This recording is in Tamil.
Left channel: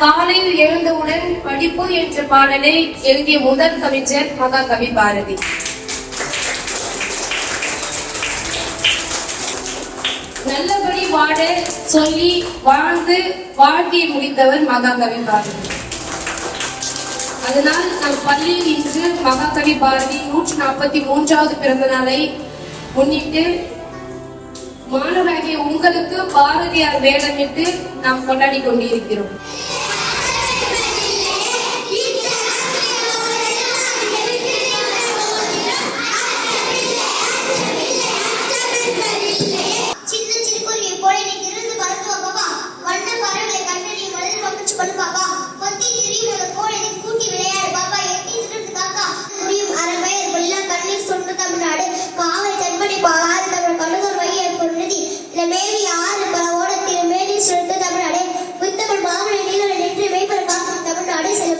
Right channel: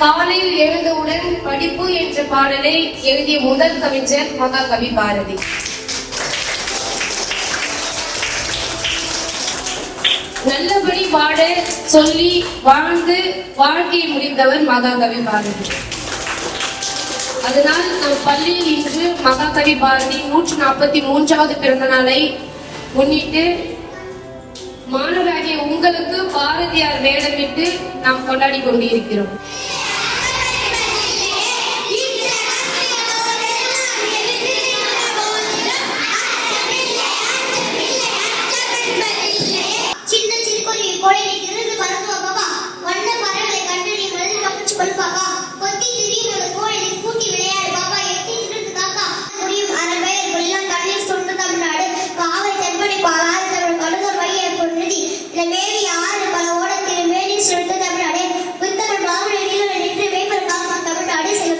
காலையில் எழுந்தவுடன் படிப்பு என்ற பாடலை எழுதிய முதல் கவிஞர் மகாகவி பாரதி. நல்லபடி வாழ சொல்லி வாழ்ந்து வாழ்க்கையை முடித்தவர் மகாகவி பாரதி. அதனால் நம் பள்ளியில் இன்று மகாகவி பாரதி 143வது பிறந்த நாளை முன்னிட்டு மாணவராகிய உங்களுக்கு பாரதியார் வேடமிட்டு நாம் கொண்டாடி கொண்டிருக்கிறோம். மேவி ஆறு பல ஓடத்தில் மேலே சுட்டு தமிழ்நாடு புத்தமிழ் பாவனை நின்று மேம்பட காக்கும் தமிழ்நாடு சில